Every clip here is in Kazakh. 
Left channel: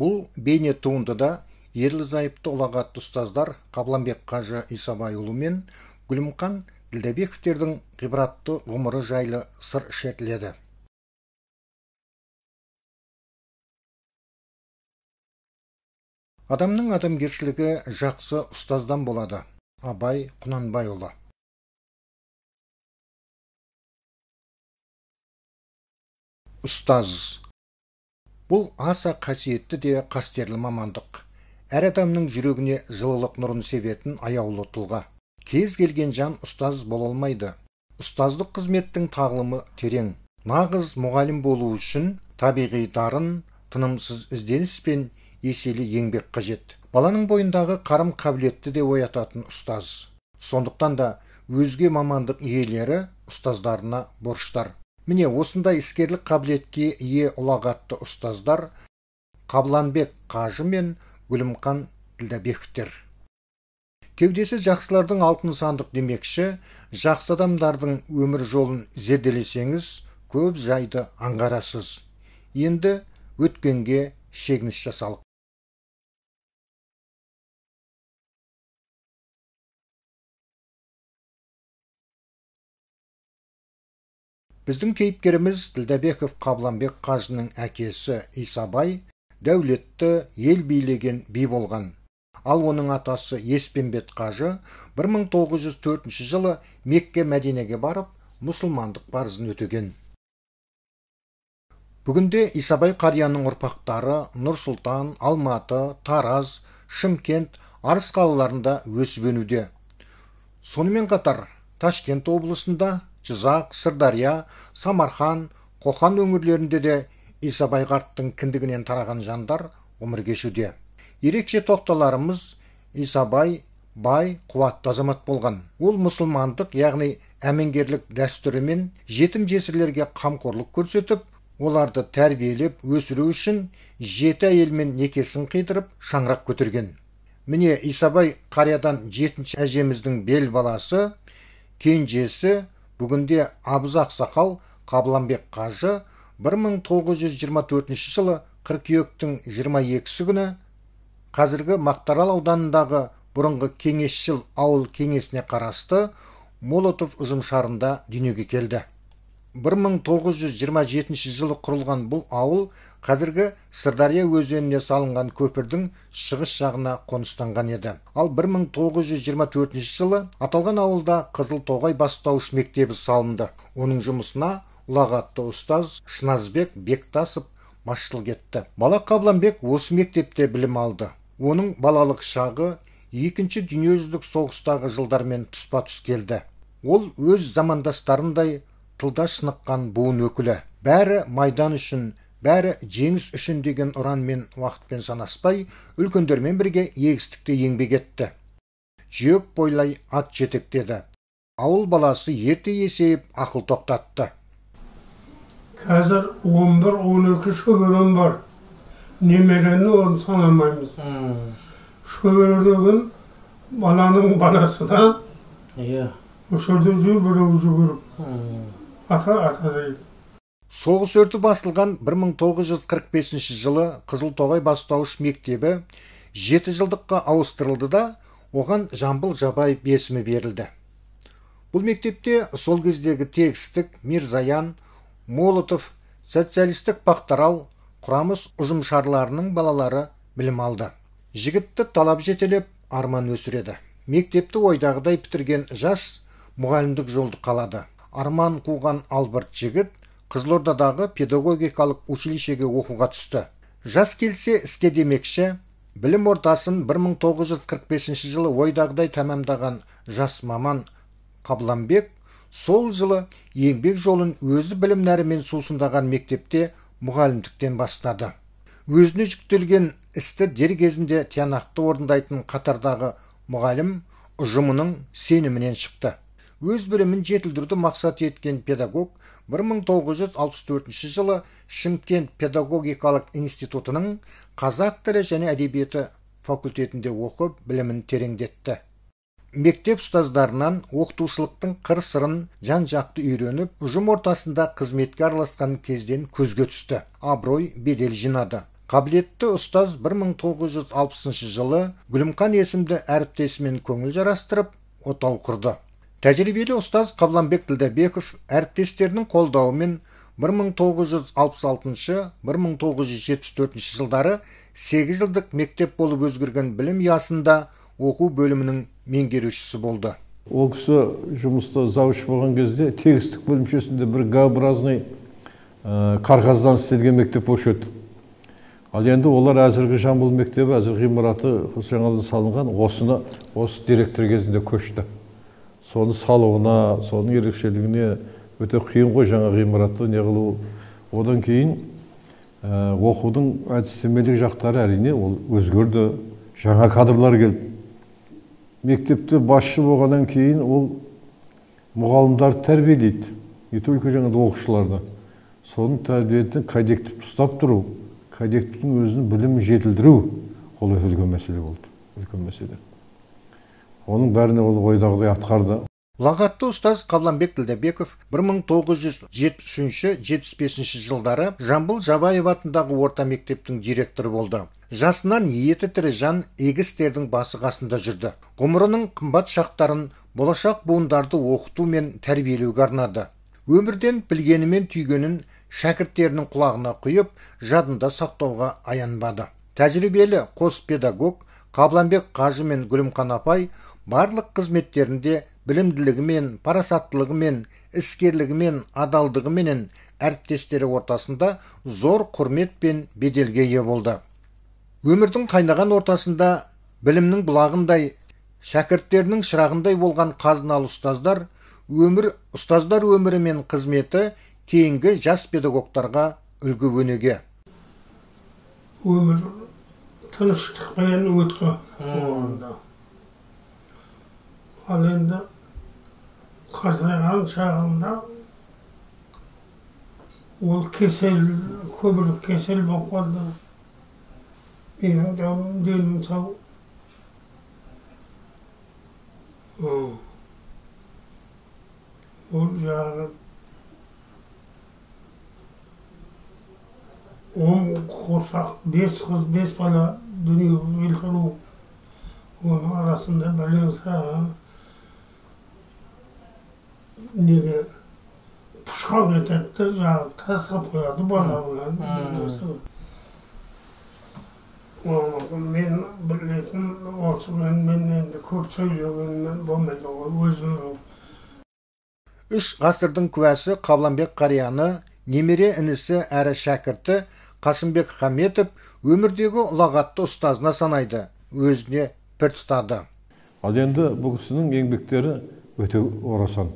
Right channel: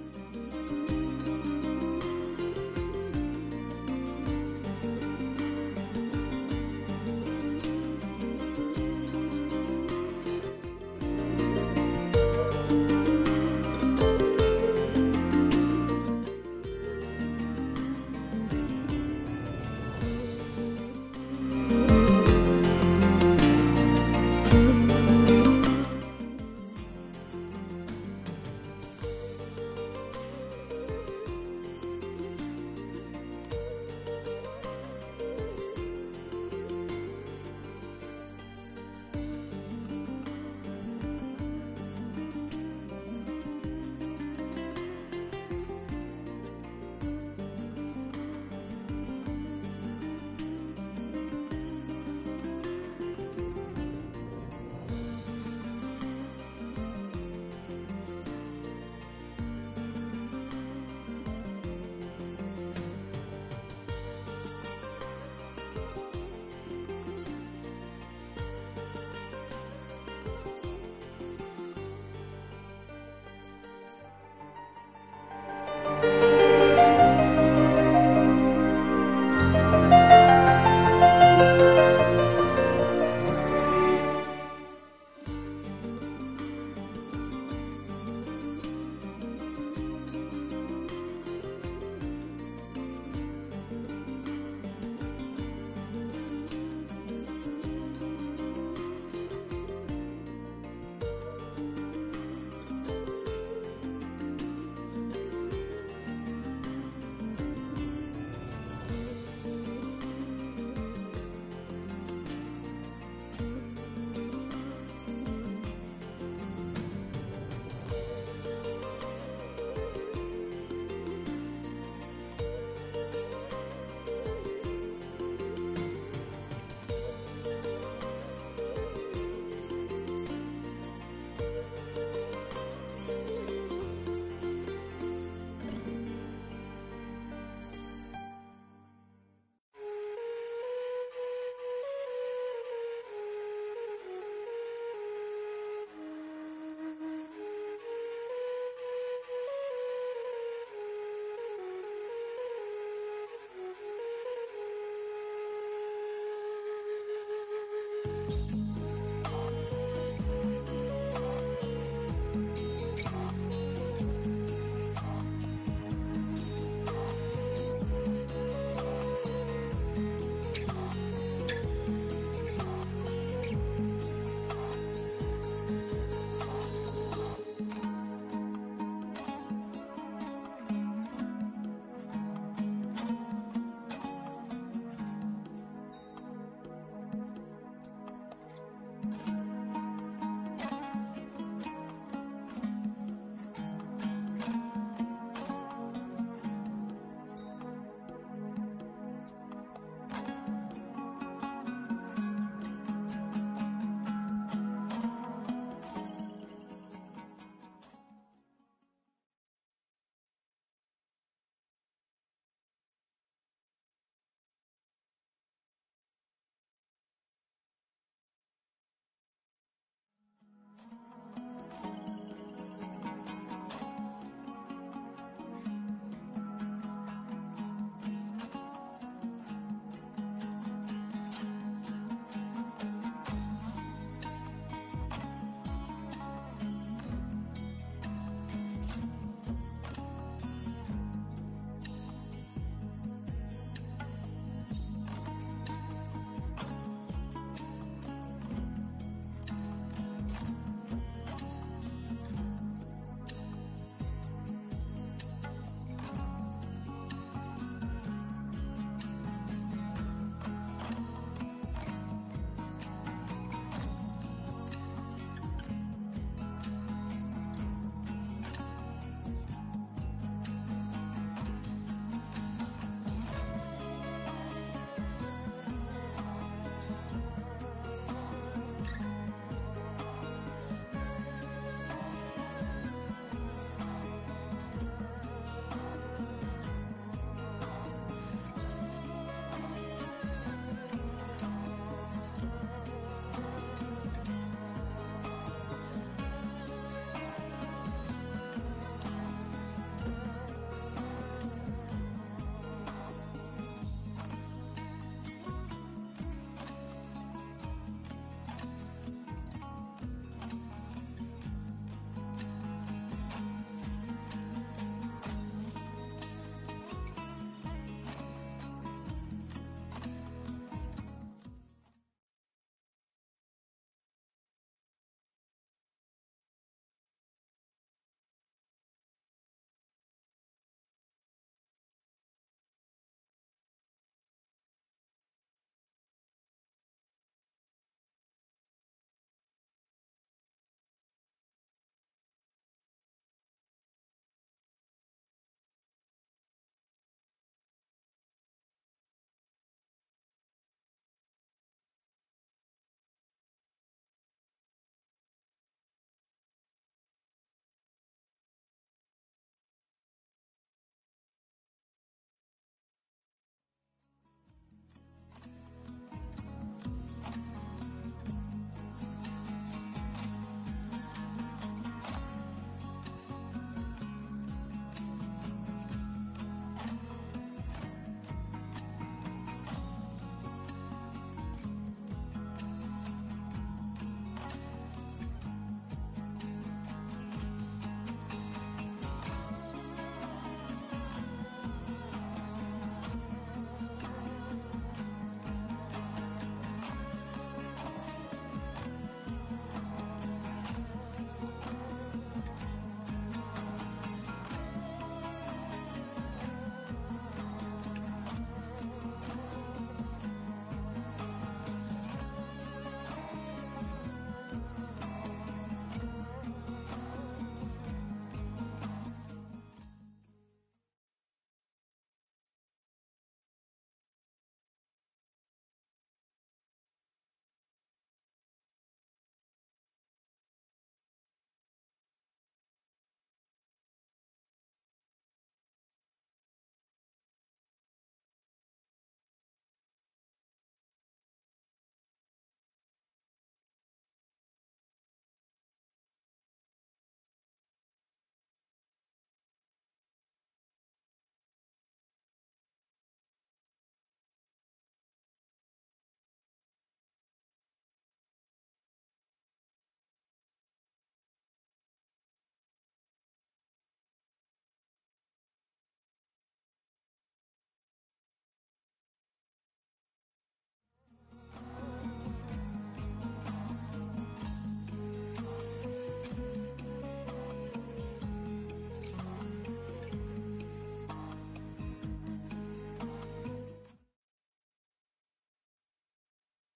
Бұл бейне туындыда ерлі-зайыпты ұлағатты ұстаздар Қабланбек қажы Исабайұлы мен Гүлімхан Ділдәбековтердің ғибратты ғұмыры жайлы сыр шертіледі. Адамның адамгершілігі жақсы ұстаздан болады. Абай Құнанбайұлы. Ұстаз. Бұл аса қасиетті де қастерлі мамандық. Әр адамның жүрегіне жылылық нұрын себетін аяулы тұлға. Кез келген жан ұстаз бола алмайды. Ұстаздық қызметтің тағылымы терең. Нағыз мұғалім болу үшін табиғи дарын, тынымсыз ізденіс пен еселі еңбек қажет. Баланың бойындағы қарым қабілетті де оятатын ұстаз. Сондықтан да өзге мамандық иелері ұстаздарына борыштар. Міне осындай іскерлік қабілетке ие ұлағатты ұстаздар Қабланбек қажы мен Гүлімхан Ділдәбековтер. Кеудесі жақсылардың алтын сандық демекші, жақсы адамдардың өмір жолын зерделесеңіз, көп жайды аңғарасыз. Енді өткенге шегініс жасалық. Біздің кейіпкеріміз Ділдәбеков Қабланбек қажының әкесі Исабай дәулетті ел билеген би болған. Ал оның атасы Еспенбет қажы 1904 жылы Мекке Мәдинеге барып, мұсылмандық парызын өтеген. Бүгінде Исабай қарияның ұрпақтары Нұр-Сұлтан, Алматы, Тараз, Шымкент, Арыс қалаларында өсіп өнуде. Сонымен қатар Ташкент облысында Жызақ, Сырдария, Самарқан, Қоқан өңірлерінде де Исабай қарттың кіндігінен тараған жандар өмір кешуде. Ерекше тоқталарымыз Исабай бай, қуатты азамат болған. Ол мұсылмандық, яғни әмеңгерлік дәстүрімен жетім жесірлерге қамқорлық көрсетіп, оларды тәрбиелеп өсіру үшін 7 әйелмен некесін қидырып, шаңырақ көтерген. Міне Исабай қариядан 7-ші әжеміздің бел баласы, кенжесі, бүгінде Абыз Ақсақал Қабланбек қажы 1924 жылы қыркүйектің 22-сі күні қазіргі Мақтарал ауданындағы бұрынғы кеңесшіл ауыл кеңесіне қарасты Молотов ұжымшарында дүниеге келді. 1927 жылы құрылған бұл ауыл қазіргі Сырдария өзеніне салынған көпірдің шығыс жағына қоныстанған еді. Ал 1924 жылы аталған ауылда Қызылтоғай бастауыш мектебі салынды. Оның жұмысына ұлағатты ұстаз Шыназбек Бектасов басшылық етті. Бала Қабланбек осы мектепте білім алды. Оның балалық шағы Екінші дүниежүзілік соғыстағы жылдармен тұспа-тұс келді. Ол өз замандастарындай тылда шыныққан буын өкілі. Бәрі майдан үшін, бәрі жеңіс үшін деген ұранмен уақытпен санаспай, үлкендермен бірге егістікте еңбек етті. Жүйек бойлай ат жетектеді. Ауыл баласы ерте есейіп ақыл тоқтатты. Қазір 11-12 шөберем бар. Немерені оны санамаймыз. Шөбердеген баланың баласы да өшірді жүр біреу жүгіріп. Ата дейді. Соғыс өрті басылған 1945 жылы Қызылтоғай бастауыш мектебі 7 жылдыққа ауыстырылды да, оған Жамбыл Жабаев есімі берілді. Бұл мектепте сол кездегі тегістік Мирзаян, Молотов, социалистік Мақтарал, Құрамыс ұжымшарларының балалары білім алды. Жігітті талап жетелеп арман өсіреді. Мектепті ойдағыдай бітірген жас мұғалімдік жолды қалады. Арман қуған Албырт жігіт Қызылордадағы педагогикалық училищеге оқуға түсті. Жас келсе іске демекші, білім ортасын 1945 жылы ойдағыдай тәмамдаған жас маман Қабланбек сол жылы еңбек жолын өзі білім нәрімен сусындаған мектепте мұғалімдіктен бастады. Өзіне жүктелген істі дер кезінде тиянақты орындайтын қатардағы мұғалім ұжымының сенімінен шықты. Өз білімін жетілдіруді мақсат еткен педагог 1964 жылы Шымкент педагогикалық институтының қазақ тілі және әдебиеті факультетінде оқып, білімін тереңдетті. Мектеп ұстаздарынан оқытушылықтың қыр-сырын жан-жақты үйреніп, ұжым ортасында қызметке араласқан кезден көзге түсті. Абырой бедел жинады. Қабілетті ұстаз 1960 жылы Гүлімқан есімді әріптесімен көңіл жарастырып, отау құрды. Тәжірибелі ұстаз Қабланбек Ділдәбеков әріптестерінің қолдауымен 1966-1974 жылдары 8 жылдық мектеп болып өзгерген білім ұясында оқу бөлімінің меңгерушісі болды. Ол кісі жұмыста завуч болған кезде тегістік бөлімшесінде бір Г-образный қарғаздан істелген мектеп болушы еді. Ал енді олар әзіргі Жамбыл мектебі, әзіргі ғимараты жаңадан салынған, осы директор кезінде көшті. Соны салуына, соның ерекшелігіне өте қиын ғой жаңа ғимаратты не қылу. Одан кейін оқудың әдістемелік жақтары әрине ол өзгерді, жаңа кадрлар келді. Мектепте басшы болғаннан кейін ол мұғалімдарды тәрбиелейді, не только жаңа оқушыларды. Соның тәрбиетін кадеттікті ұстап тұру, кадеттіктің өзінің білімін жетілдіру ол үлкен мәселе болды, үлкен мәселе. Оның бәріне ол ойдағыдай атқарды. Ұлағатты ұстаз Қабланбек Ділдәбеков 1973-75 жылдары Жамбыл Жабаев атындағы орта мектептің директоры болды. Жасынан ниеті тірі жан егістердің басы қасында жүрді. Ғұмырының қымбат шақтарын болашақ буындарды оқыту мен тәрбиелеуге арнады. Өмірден білгені мен түйгенін шәкірттерінің құлағына құйып, жадында сақтауға аянбады. Тәжірибелі қос педагог Қабланбек қажы мен Гүлімқан апай барлық қызметтерінде білімділігімен, парасаттылығымен, іскерлігімен, адалдығыменен әріптестері ортасында зор құрмет пен беделге ие болды. Өмірдің қайнаған ортасында білімнің бұлағындай, шәкірттерінің шырағындай болған қазыналы ұстаздар өмірі мен қызметі кейінгі жас педагогтарға үлгі өнеге. Өмір тыныштықпен өтті оғанда. Ал енді қартайған шағында ол көбірек кесел болып қалды. Менің денім сау. Ол жағы 10 құрсақ, 5 қыз, 5 бала дүниеге келтіру. Оның арасында бәлен саға неге пұшқан етекті жағы тасып қояды балағынан. Мен білетін осымен мен енді көп сөйлегенмен болмайды ғой өздерінің. 3 ғасырдың куәсі Қабланбек қарияны, немере інісі әрі шәкірті Қасымбек Хаметов өмірдегі ұлағатты ұстазына санайды, өзіне пір тұтады. Ал енді бұл кісінің еңбектері өте орасан.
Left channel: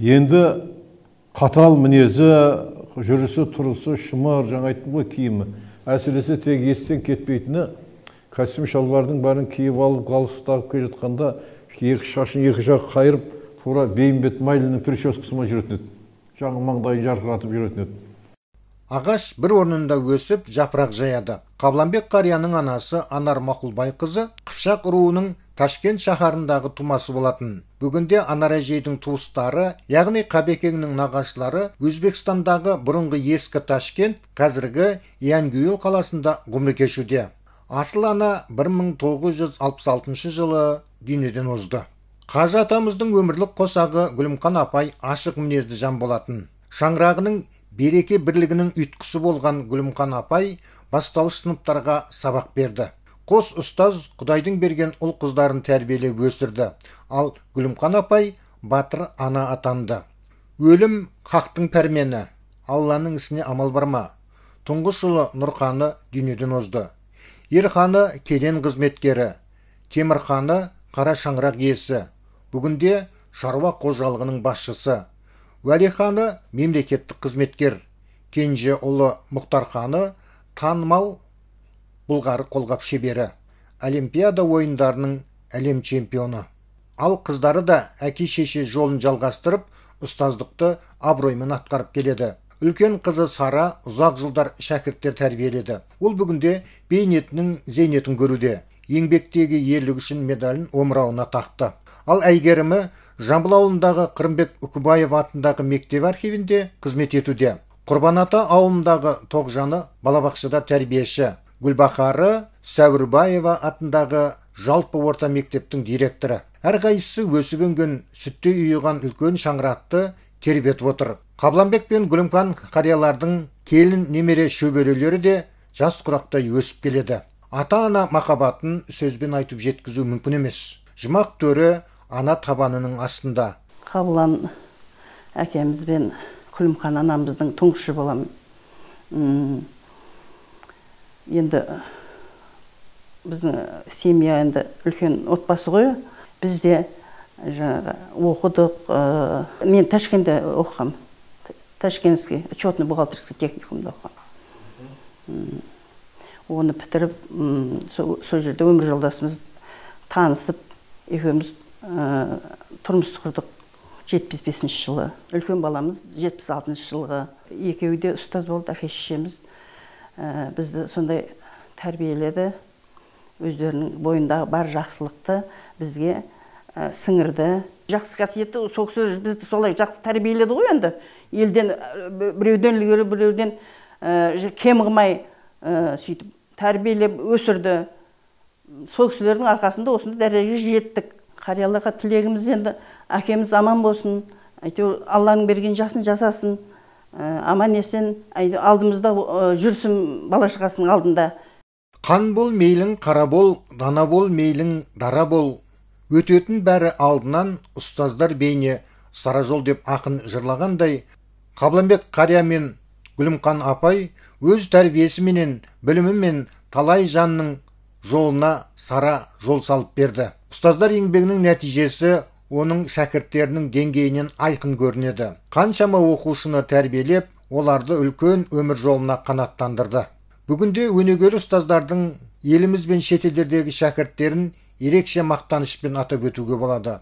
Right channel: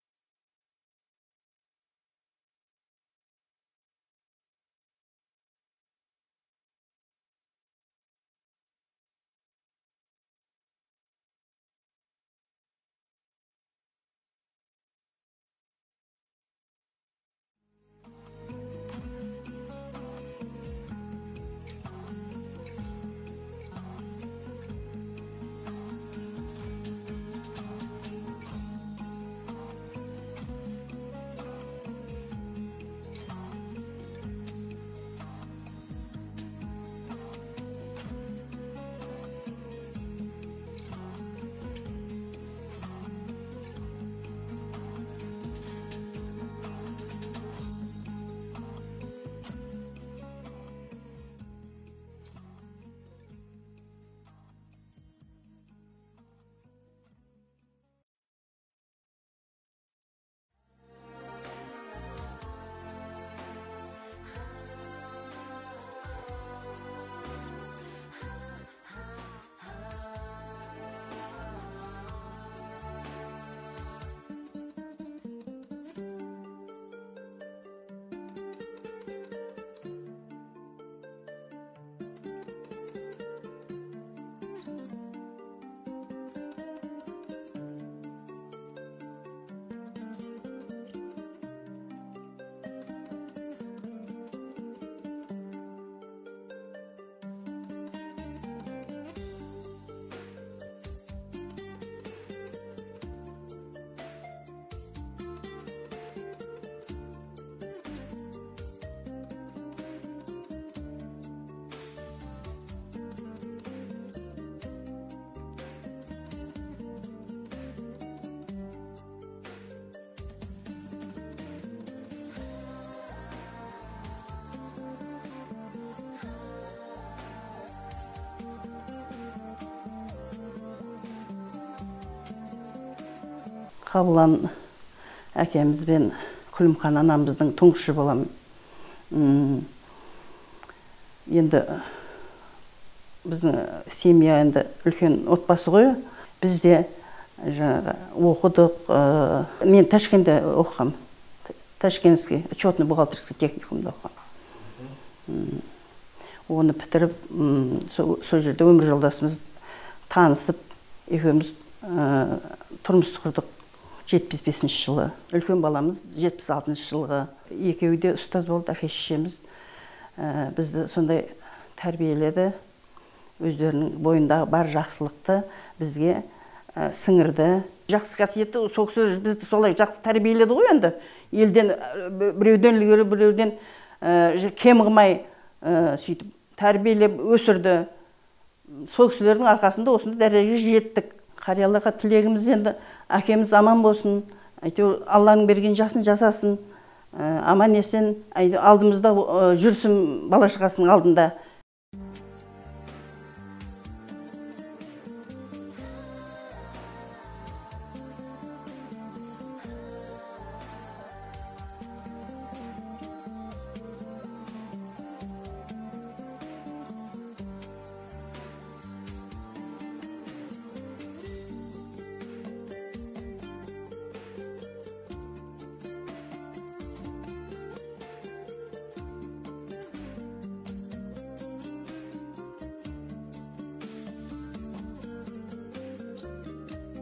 Енді қатал мінезі, жүрісі, тұрысы, шымыр, жаңа айттым ғой киімі. Әсіресе тек естен кетпейтіні, костюм шалбардың бәрін киіп алып, галстук келе жатқанда, шашын екі жақ қайырып, тура бейімбет майлының прическасымен жүретін еді. Жаңа маңдайын жарқыратып жүретін еді. Ағаш бір орнында өсіп, жапырақ жаяды. Қабланбек қарияның анасы Анар Мақұлбайқызы Қыпшақ руының Ташкент шаһарындағы тумасы болатын. Бүгінде Анар әжейдің туыстары, яғни Қабекеңнің нағашылары Өзбекстандағы бұрынғы ескі Ташкент, қазіргі Янгюл қаласында ғұмыр кешуде. Асыл ана 1966 жылы дүниеден озды. Қажы атамыздың өмірлік қосағы Гүлімқан апай ашық мінезді жан болатын. Шаңырағының береке бірлігінің ұйытқысы болған Гүлімқан апай бастауыш сыныптарға сабақ берді. Қос ұстаз Құдайдың берген ұл қыздарын тәрбиелеп өсірді. Ал Гүлімқан апай батыр ана атанды. Өлім хақтың пәрмені, Алланың ісіне амал барма. Тұңғыш ұлы Нұрханы дүниеден озды. Ерханы кеден қызметкері, Темірханы қара шаңырақ иесі, бүгінде шаруа қожалығының басшысы. Уәлиханы мемлекеттік қызметкер, кенже ұлы Мұхтарханы танымал Бұлғары қолғап шебері, Олимпиада ойындарының әлем чемпионы. Ал қыздары да әке-шеше жолын жалғастырып, ұстаздықты абыроймен атқарып келеді. Үлкен қызы Сара ұзақ жылдар шәкірттер тәрбиеледі. Ол бүгінде бейнетінің зейнетін көруде. Еңбектегі ерлігі үшін медалін омырауына тақты. Ал әйгерімі Жамбыл ауылындағы Қырымбек Үкібаев атындағы мектеп архивінде қызмет етуде. Құрбан-ата ауылындағы Тоғжаны балабақшада тәрбиеші, Гүлбақары Сәуірбаева атындағы жалпы орта мектептің директоры. Әрқайсысы өсіп-өнген, сүттей үйіған үлкен шаңырақты тербетіп отыр. Қабланбек пен Гүлімхан қариялардың келін немере шөберелері де жас құрақтай өсіп келеді. Ата-ана махаббатын сөзбен айтып жеткізу мүмкін емес. Жұмақ төрі ана табанының астында. Қабылан әкеміз бен Күлімхан анамыздың тұңғышы боламын. Енді біздің семья енді үлкен отбасы ғой. Бізде оқыдық. Мен Ташкентте оқығам. Ташкентский учетный бухгалтерский техникумда оқығам. Оны бітіріп, сол жерде өмір жолдасымыз танысып, екеуміз тұрмыс құрдық 75 жылы. Үлкен баламыз 76 жылғы. Екеуі де ұстаз болды, әке-шешеміз. Бізді сондай тәрбиеледі. Өздерінің бойындағы бар жақсылықты бізге сіңірді. Жақсы қасиетті, сол кісі бізді солай жақсы тәрбиеледі ғой енді. Елден біреуден ілгері, біреуден кем қылмай сөйтіп тәрбиелеп өсірді. Сол кісілердің арқасында осында дәрежеге жеттік. Қарияларға тілегіміз енді әкеміз аман болсын, Алланың берген жасын жасасын, аман есен, алдымызда жүрсін бала-шағасының алдында. Қан бол мейлің қара бол, дана бол мейлің дара бол. Өтетін бәрі алдынан ұстаздар бейне сара жол деп ақын жырлағандай, Қабланбек қария мен Гүлімхан апай өз тәрбиесіменен, білімімен талай жанның жолына сара жол салып берді. Ұстаздар еңбегінің нәтижесі оның шәкірттерінің деңгейінен айқын көрінеді. Қаншама оқушыны тәрбиелеп, оларды үлкен өмір жолына қанаттандырды. Бүгінде өнегелі ұстаздардың еліміз бен шетелдердегі шәкірттерін ерекше мақтанышпен атап өтуге болады.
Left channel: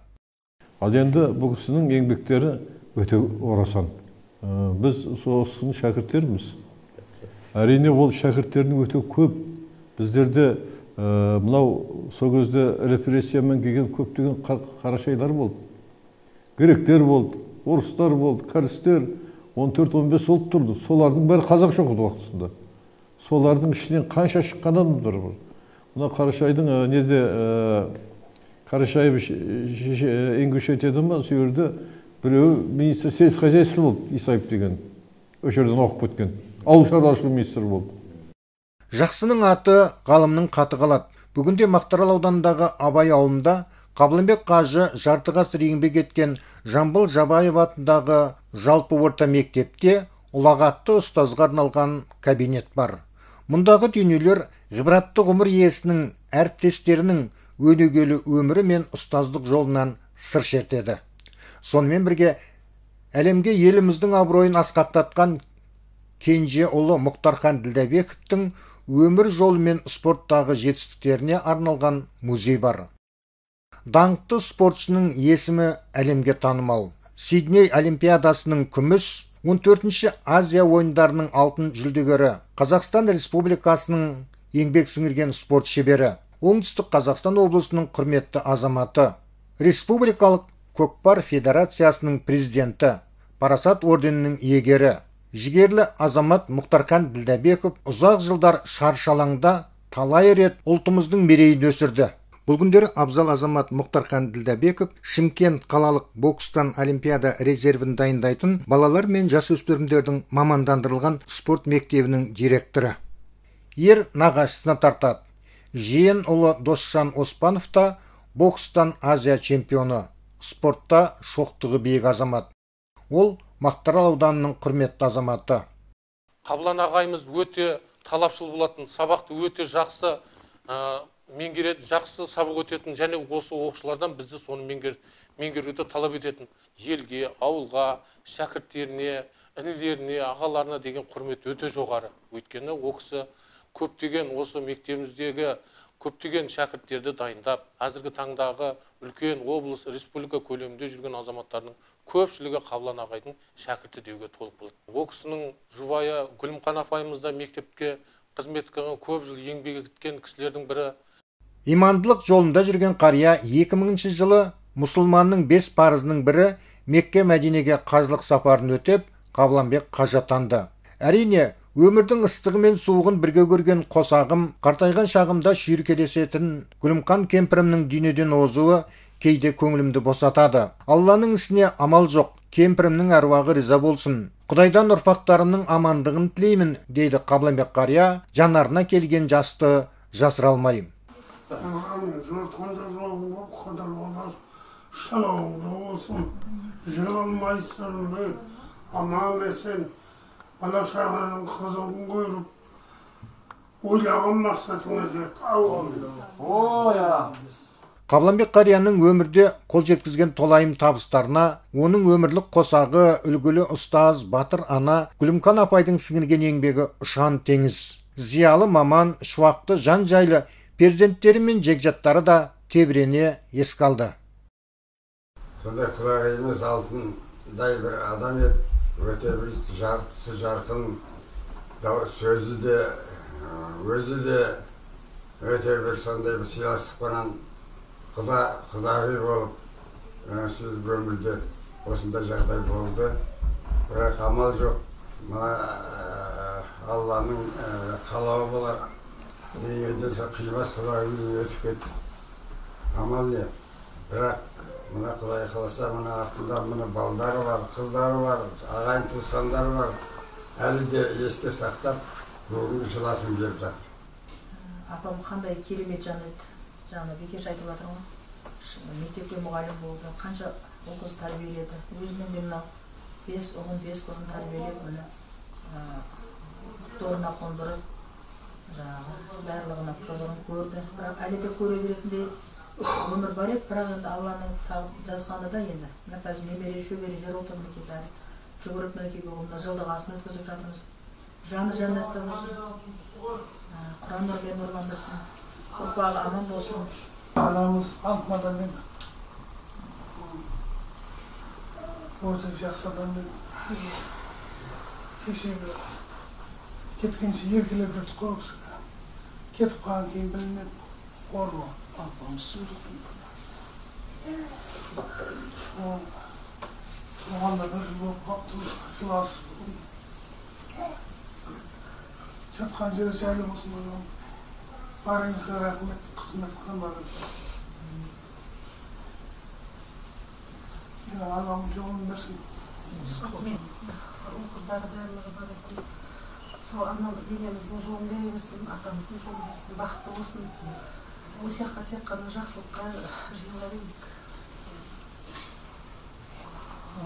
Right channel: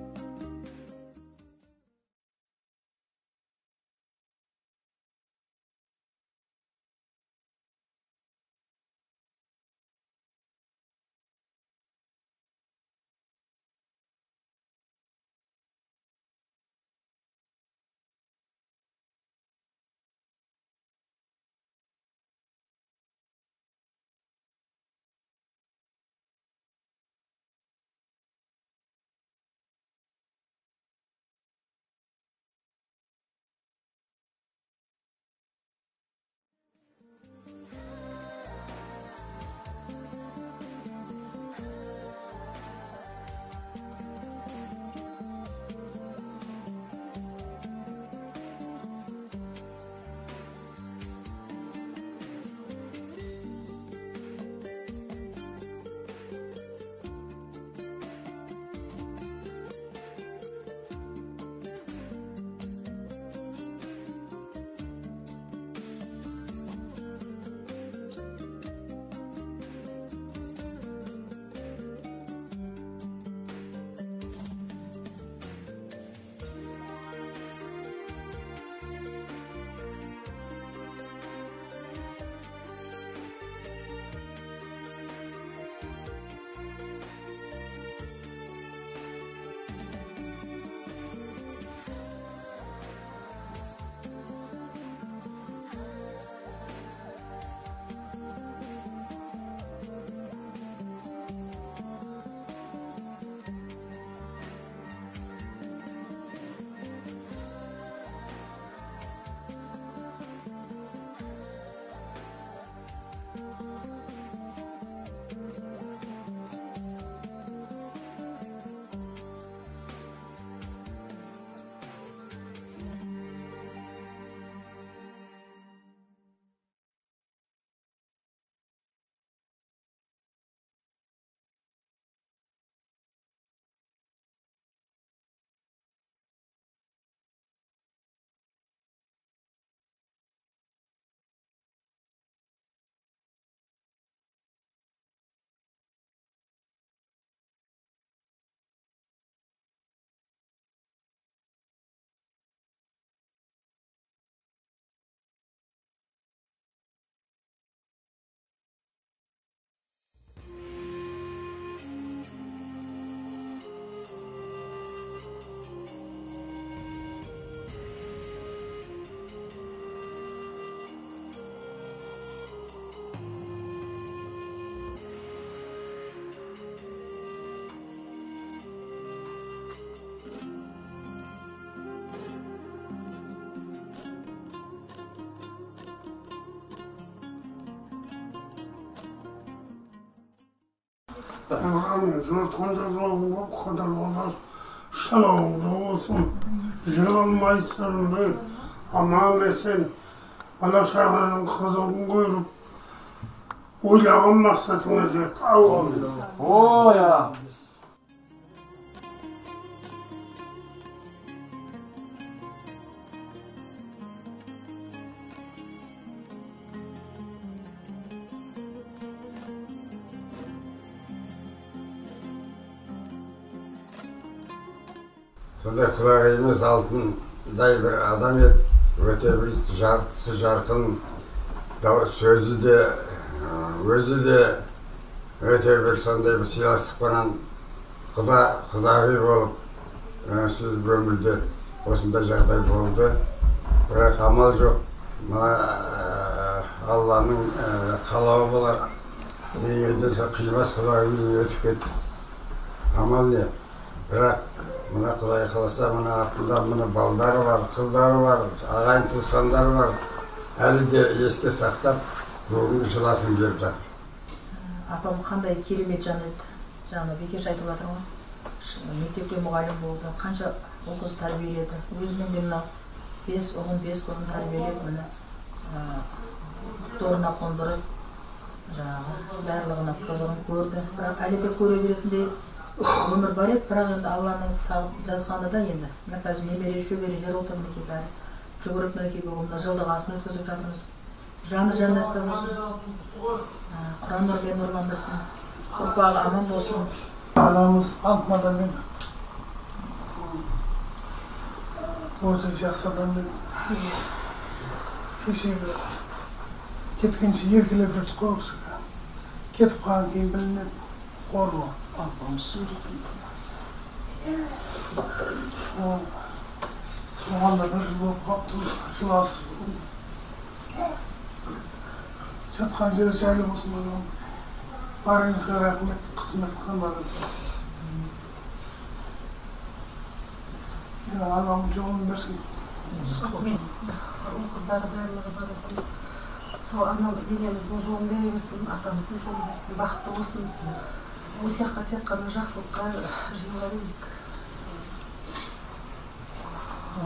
Ал енді бұл кісінің еңбектері өте орасан. Біз сол кісінің шәкірттеріміз. Әрине ол шәкірттердің өте көп. Біздерде мынау сол кезде репрессиямен келген көптеген қарашайлар болды. Гректер болды, орыстар болды, кәрістер 14-15 болып тұрды. Солардың бәрі қазақша оқыды уақытысында. Солардың ішінен қанша шыққан адамдар бар. Мына Қарашайдың неде Қарашаев Ингушетиядан ба, сол жерде біреуі министр сельскохозяйства болды, Исаев деген. Өш жерден оқып кеткен. Ауыл шаруашылығы министрі болды. Жақсының аты ғалымның қаты қалады. Бүгінде Мақтаарал ауданындағы Абай ауылында Қабланбек қажы жарты ғасыр еңбек еткен Жамбыл Жабаев атындағы жалпы орта мектепте ұлағатты ұстазға арналған кабинет бар. Мұндағы дүниелер ғибратты ғұмыр иесінің әріптестерінің өнегелі өмірі мен ұстаздық жолынан сыр шертеді. Сонымен бірге әлемге еліміздің абыройын асқақтатқан кенже ұлы Мұхтархан Ділдәбековтің өмір жолы мен спорттағы жетістіктеріне арналған музей бар. Даңқты спортшының есімі әлемге танымал. Сидней олимпиадасының күміс, 14-ші Азия ойындарының алтын жүлдегері, Қазақстан Республикасының еңбек сіңірген спорт шебері, Оңтүстік Қазақстан облысының құрметті азаматы, Республикалық көкпар федерациясының президенті, Парасат орденінің иегері, жігерлі азамат Мұхтархан Ділдәбеков ұзақ жылдар шаршалаңда талай рет ұлтымыздың мерейін өсірді. Бұл күндері абзал азамат Мұхтархан Ділдәбеков Шымкент қалалық бокстан олимпиада резервін дайындайтын балалар мен жасөспірімдердің мамандандырылған спорт мектебінің директоры. Ер нағашысына тартады. Жиен ұлы Досжан Оспанов та бокстан Азия чемпионы, спортта шоқтығы биік азамат. Ол Мақтаарал ауданының құрметті азаматы. Қаблан ағайымыз өте талапшыл болатын, сабақты өте жақсы меңгереді, жақсы сабақ өтетін, және осы оқушылардан бізді соны меңгеруді талап ететін. Елге, ауылға, шәкірттеріне, інілеріне, ағаларына деген құрмет өте жоғары. Өйткені ол кісі көптеген осы мектебіміздегі көптеген шәкірттерді дайындап, әзіргі таңдағы үлкен облыс, республика көлемінде жүрген азаматтардың көпшілігі Қаблан ағайдың шәкірті деуге толық болады. Ол кісінің жұбайы Гүлімхан апайымызда мектепке қызмет қылған, көп жыл еңбек еткен кісілердің бірі. Имандылық жолында жүрген қария 2000 жылы мұсылманның 5 парызының бірі Мекке Мәдинеге қажылық сапарын өтеп, Қабланбек қажы атанды. Әрине, өмірдің ыстығы мен суығын бірге көрген қосағым, қартайған шағымда шүйіркелесетін Гүлімқан кемпірімнің дүниеден озуы кейде көңілімді босатады. Алланың ісіне амал жоқ, кемпірімнің әруағы риза болсын. Құдайдан ұрпақтарымның амандығын тілеймін, дейді Қабланбек қария, жанарына келген жасты жасыра алмайым. Жұртқанда жолың болып, қадар болар, шалауыңды болсын, жығылмайсың, аман есен, бала шағаның қызығын көріп, ойлаған мақсатыңа жет. Қабланбек қарияның өмірде қол жеткізген толайым табыстарына, оның өмірлік қосағы, үлгілі ұстаз, батыр ана Гүлімқан апайдың сіңірген еңбегі ұшан теңіз. Зиялы маман, шуақты жан жайлы перзенттері мен жекжаттары да тебірене еске алды. Сондай құдағиымыз алтындай бір адам еді, өте бір жарқысы жарқын, сөзі де, өзі де өте бір сондай бір сыйластықпенен құдағи болып, сөз өмірде осындай жағдай болды. Бірақ амал жоқ, Алланың қалауы болар. Дүниеден қимас құдағиымыз өтіп кетті. Амал не? Бірақ мына Құдай қаласа, мына артында мына балдары бар, қыздары бар, ағайын туысқандары бар. Әлі де еске сақтап, бүгін жыласын беріп жатыр. Апам қандай керемет жан еді. Жаңа Бекеш айтып жатыр ғой. Мектепте мұғалім болды. Қанша ұл қыз тәрбиеледі. Өзінен де мынау 5 ұлын 5 қызын тәрбиелеп, міне торына қондырып, жаңағы барлығына қызығын көрді. Бірақ әлі де көре беретіндей өмір бар еді. Бірақ енді Алланың жазғаны да енді. Мына қазір немере шөберелер отыр мінекей бәрі. Жүгіріп мінекей бүгін жылдығасын өткізіп жатырмыз. Жаны жәннатта болсын. Құран нұрмен нұрландырсын. Ұрпағы аман болсын. Анамыз алтын адам еді. Өте жақсы адам еді. Кешегі кеткенше еркелеп жүрдік қой ол кісіге. Кетіп қалған кейін білінеді. Қорлы. Апамыз суретін. Соған да бір жыл болып қалыпты. Жыласып. Жатқан жері жайлы болсын адам. Барыңызға рахмет, қызмет қылмады. Алланың жолын берсін. Қыздары барлығы бар екен. Сол енеміздің жолын бере берсін, атамыздың жолын берсін, бақытты болсын. Осы жаққа тек қана жақсылыққа жиыла берейік.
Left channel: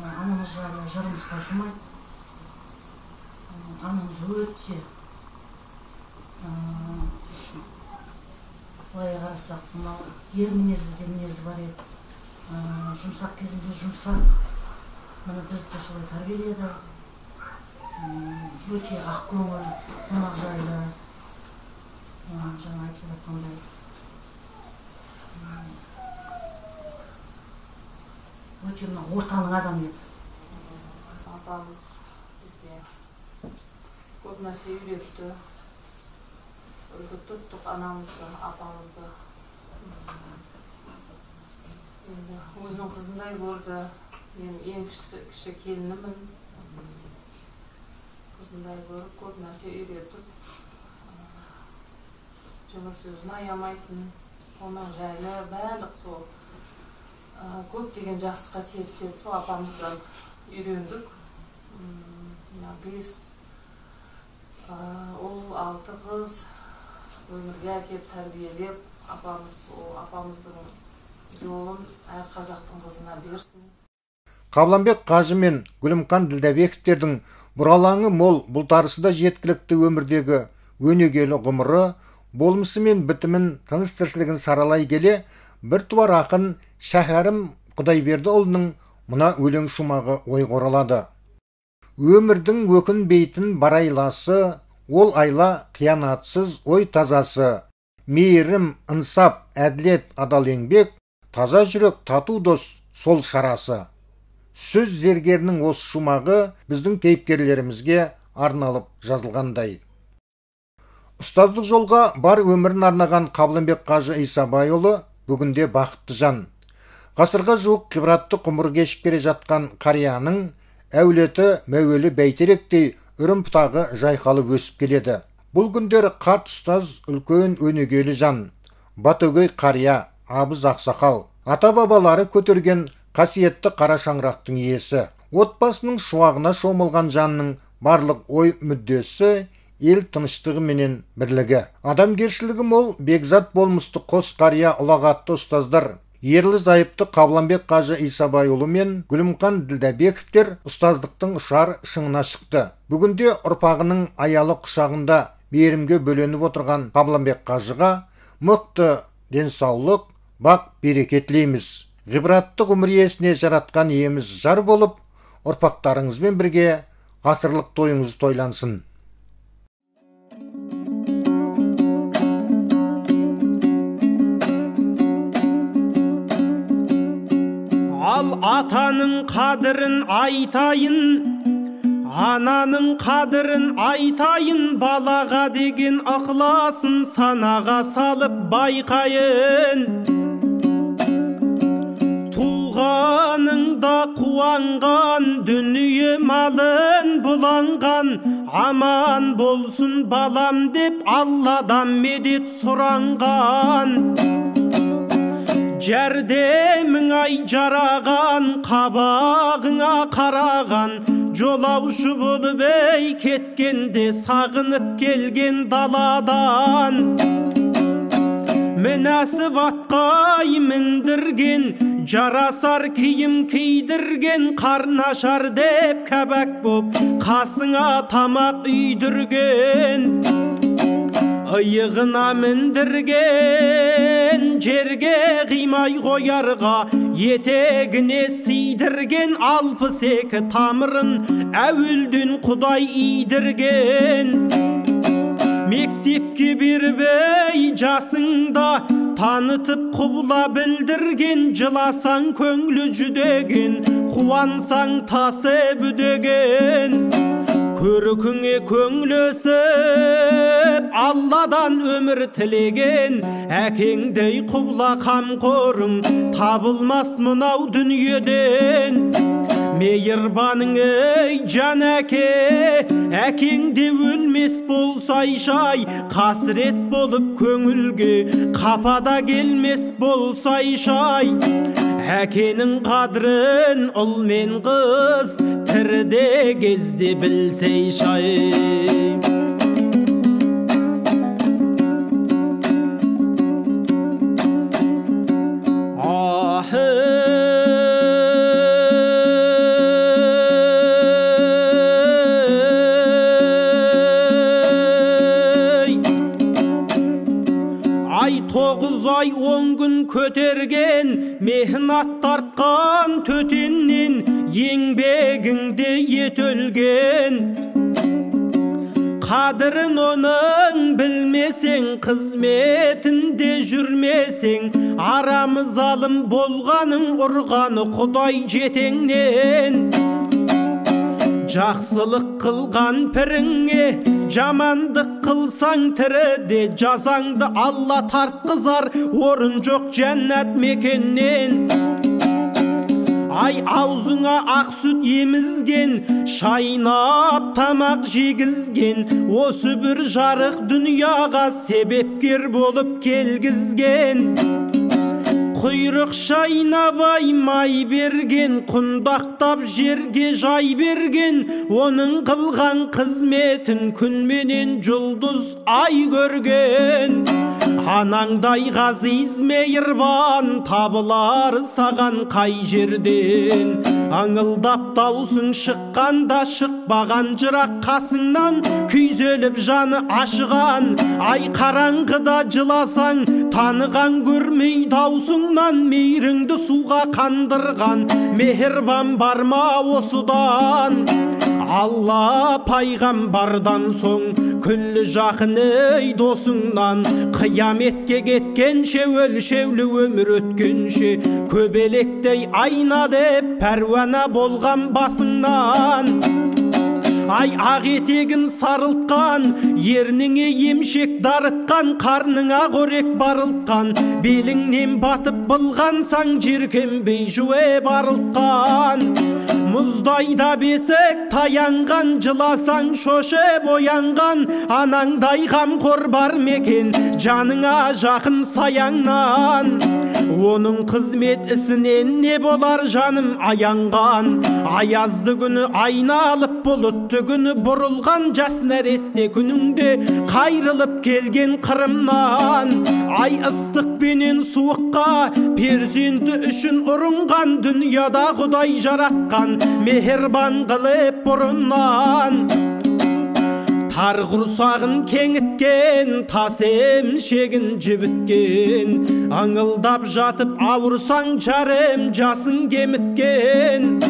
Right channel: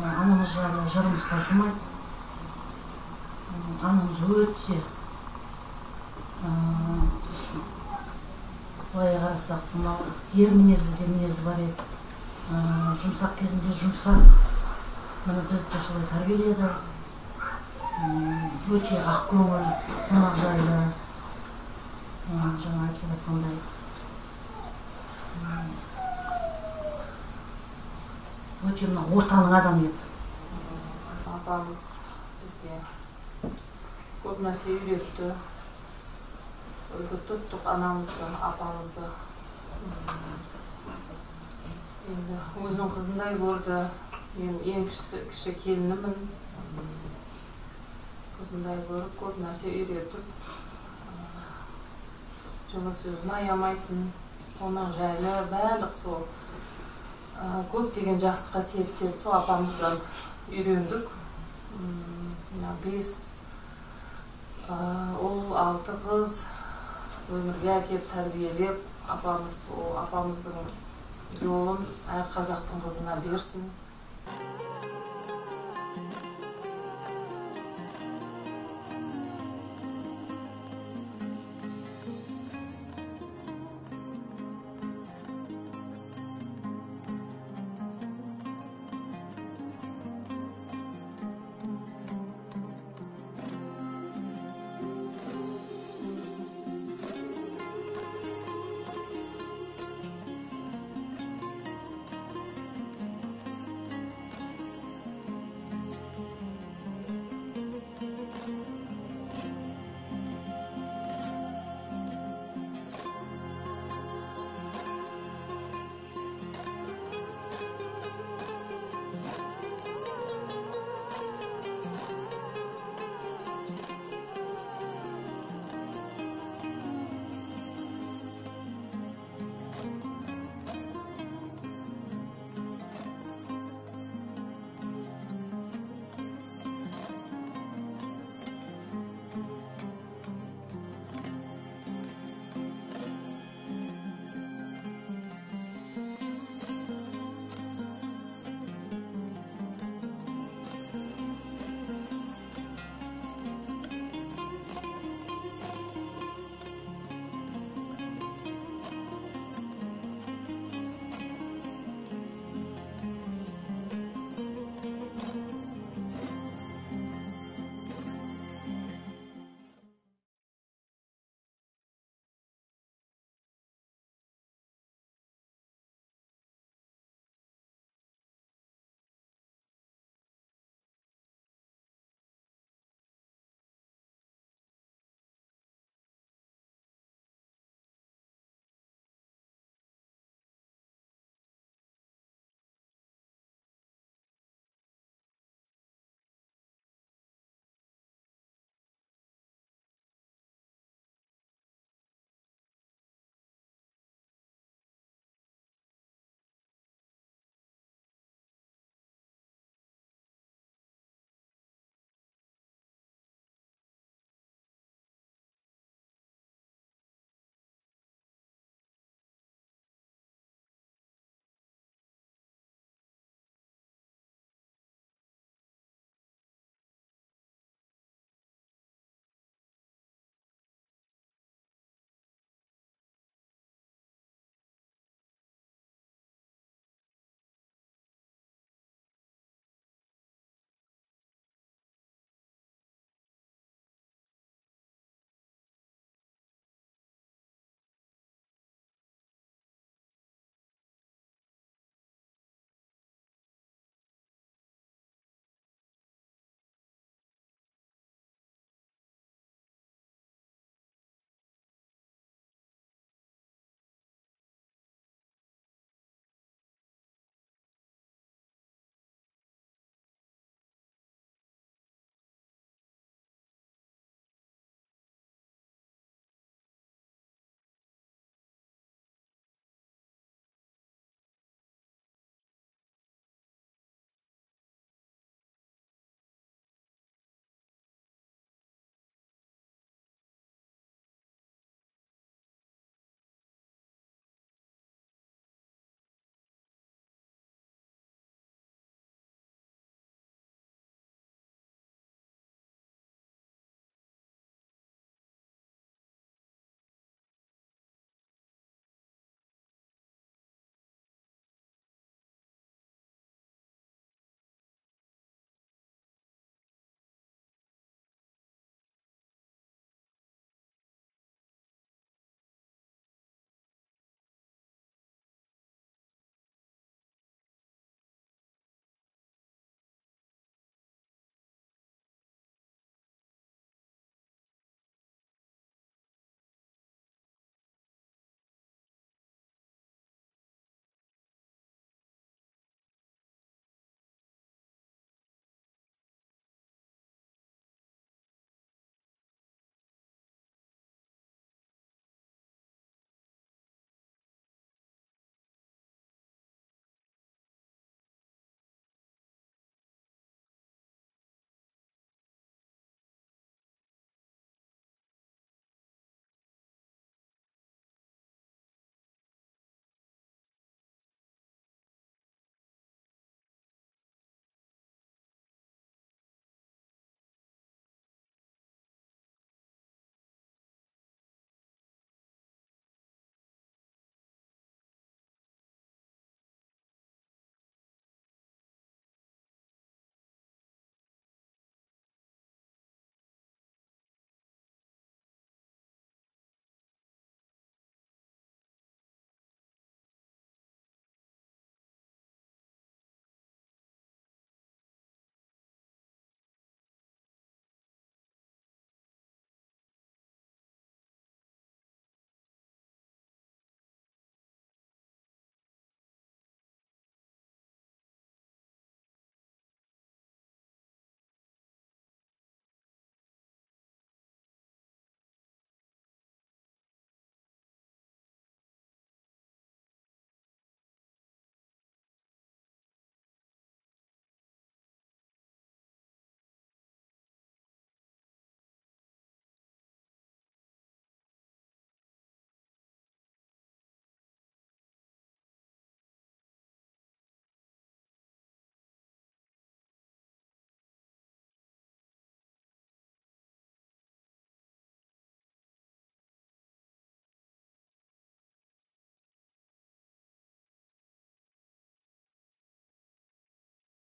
Анамыз жайлы жырымыз таусылмайды. Анамыз өте былай қарасақ, мынау ер мінезі де мінезі бар еді. Жұмсақ кезінде жұмсақ. Міне бізді солай тәрбиеледі. Өте ақ көңіл, қонақ жайлы. Жаңа айтылып жатқандай. Өте мына ортаның адамы еді. Апамыз бізге көп нәрсе үйретті. Үлгі тұттық анамызды, апамызды. Енді өзінің қызындай көрді. Мен ең кіші келінімін. Қызындай көріп, көп нәрсе үйретіп. Жылы сөзін аямайтын, қонақ жайлы, барлық сол көптеген жақсы қасиеттерді сол апамыздан үйрендік. 5 ұл, 6 қыз өмірге әкеп тәрбиелеп, апамыздың жолын әр қазақтың қызына берсін. Қабланбек қажы мен Гүлімқан Ділдәбековтердің бұралаңы мол, бұлтарысы да жеткілікті өмірдегі өнегелі ғұмыры, болмысы мен бітімін, тыныс тіршілігін саралай келе, бір туар ақын Шәһәрім Құдайбердіұлының мына өлең шумағы ойға оралады. Өмірдің өкінбейтін барайласы, ол айла қиянатсыз ой тазасы, мейірім, ынсап, әділет, адал еңбек, таза жүрек, тату дос, сол шарасы. Сөз зергерінің осы шумағы біздің кейіпкерлерімізге арналып жазылғандай. Ұстаздық жолға бар өмірін арнаған Қабланбек қажы Исабайұлы бүгінде бақытты жан. Ғасырға жуық ғибратты ғұмыр кешіп келе жатқан қарияның әулеті мәуелі бәйтеректей үрім пұтағы жайқалып өсіп келеді. Бұл күндері қарт ұстаз үлкен өнегелі жан, батөгөй қария, абыз ақсақал, ата-бабалары көтерген қасиетті қара шаңырақтың иесі. Отбасының шуағына шомылған жанның барлық ой мүддесі ел тыныштығы менен бірлігі. Адамгершілігі мол бекзат болмысты қос қария ұлағатты ұстаздар Ерлі зайыпты Қабланбек қажы Исабайұлы мен Гүлімқан Ділдәбековтер ұстаздықтың ұшар шыңына шықты. Бүгінде ұрпағының аялы құшағында берімге бөленіп отырған Қабланбек қажыға мықты денсаулық, бақ береке тілейміз. Ғибратты ғұмыр иесіне жаратқан иеміз жар болып, ұрпақтарыңызбен бірге ғасырлық тойыңыз тойлансын. Ал атаның қадірін айтайын, ананың қадірін айтайын, балаға деген ықыласын санаға салып байқайын. Туғаныңда қуанған, дүние малын бұланған, аман болсын балам деп Алладан медет сұранған. Жәрдемің ай жараған, қабағыңа қараған, жолаушы болып ей кеткенде сағынып келген даладан. Мінәсіп атқа міндірген, жарасар киім кийдірген, қарнашар деп кәбәк боп қасыңа тамақ үйдірген. Иығына міндірген, жерге қимай қоярға, етегіне сидірген, 62 тамырын әуелден Құдай идірген. Мектепке бербей жасыңда танытып құбыла білдірген, жыласаң көңлі жүдеген, қуансаң тасы бүдеген. Көркіңе көңлесіп Алладан өмір тілеген, әкеңдей құбыла қамқорың табылмас мынау дүниеден. Мейірбаның ей жан әке, әкеңде өлмес болсай шай, қасірет болып көңілге қапада келмес болсай шай. Әкенің қадірін ұл мен қыз тіріде кезде білсей шай. Ай 9 ай 10 күн көтерген, мехнат тартқан төтеннен, еңбегіңде етөлген. Қадірін оның білмесең, қызметінде жүрмесең, арамыз алым болғаның ұрғаны Құдай жетеңнен. Жақсылық қылған піріңе, жамандық қылсаң тіріде, жазаңды Алла тартқызар, орын жоқ жәннат мекеннен. Ай аузыңа ақ сүт емізген, шайнап тамақ жегізген, осы бір жарық дүнияға себепкер болып келгізген. Құйрық шайнабай май берген, құндақтап жерге жай берген, оның қылған қызметін күнменен жұлдыз ай көрген. Анаңдай ғазиз мейірбан табылар саған қай жерден. Аңылдап даусың шыққанда шықпаған жырақ қасыңнан, күйзеліп жаны ашыған. Ай қараңғыда жыласаң, таныған көрмей даусыңнан, мейіріңді суға қандырған мейірбан бар ма осыдан? Алла пайғамбардан соң күллі жақын ей досыңнан, қияметке кеткенше өлшеулі өмір өткенше, көбелектей айна деп пәруана болған басыңнан. Ай ақ етегін сарылтқан, ерніңе емшек дарытқан, қарныңа қорек барылтқан, беліңнен батып былғансаң, жеркенбей жуе барылтқан. Мұздайда бесік таянған, жыласаң шошып оянған, анаңдай қамқор бар мекен, жаныңа жақын саяңнан. Оның қызмет ісінен не болар жаным аянған, аязды күні айналып бұлытты күні бұрылған, жас нәресте күніңде қайрылып келген қырымнан. Ай ыстық пенен суыққа перзенті үшін ұрынған, дүнияда Құдай жаратқан мехербан қылып бұрыннан. Тар құрсағын кеңіткен, тас емшегін жібіткен, аңылдап жатып ауырсаң жарым жасың кеміткен.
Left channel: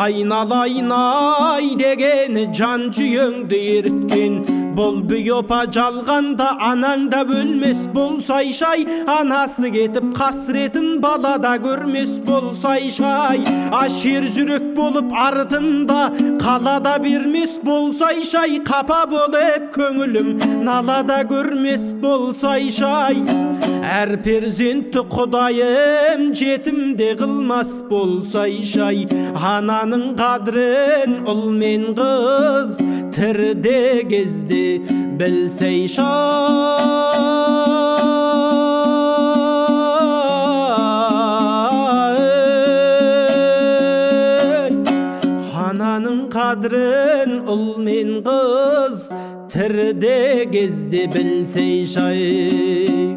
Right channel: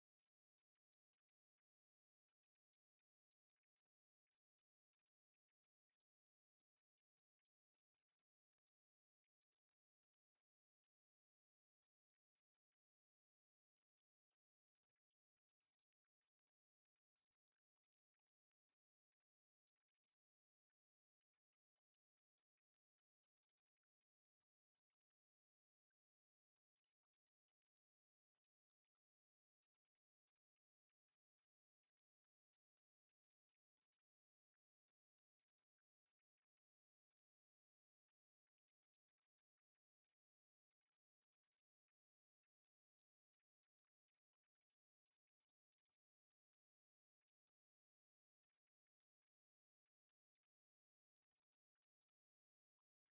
Айналайын ай дегені жан жүйеңді еріткен, бұл бүйопа жалғанда анаңда өлмес болсай шай, анасы кетіп қасіретін балада көрмес болсай шай. Ашер жүрек болып артында қалада бермес болсай шай, қапа болып көңілім налада көрмес болсай шай. Әр перзентті Құдайым жетімде қылмас болсай шай, ананың қадірін ұл мен қыз тіріде кезде білсей шай. Ананың қадірін ұл мен қыз тіріде кезде білсей шай.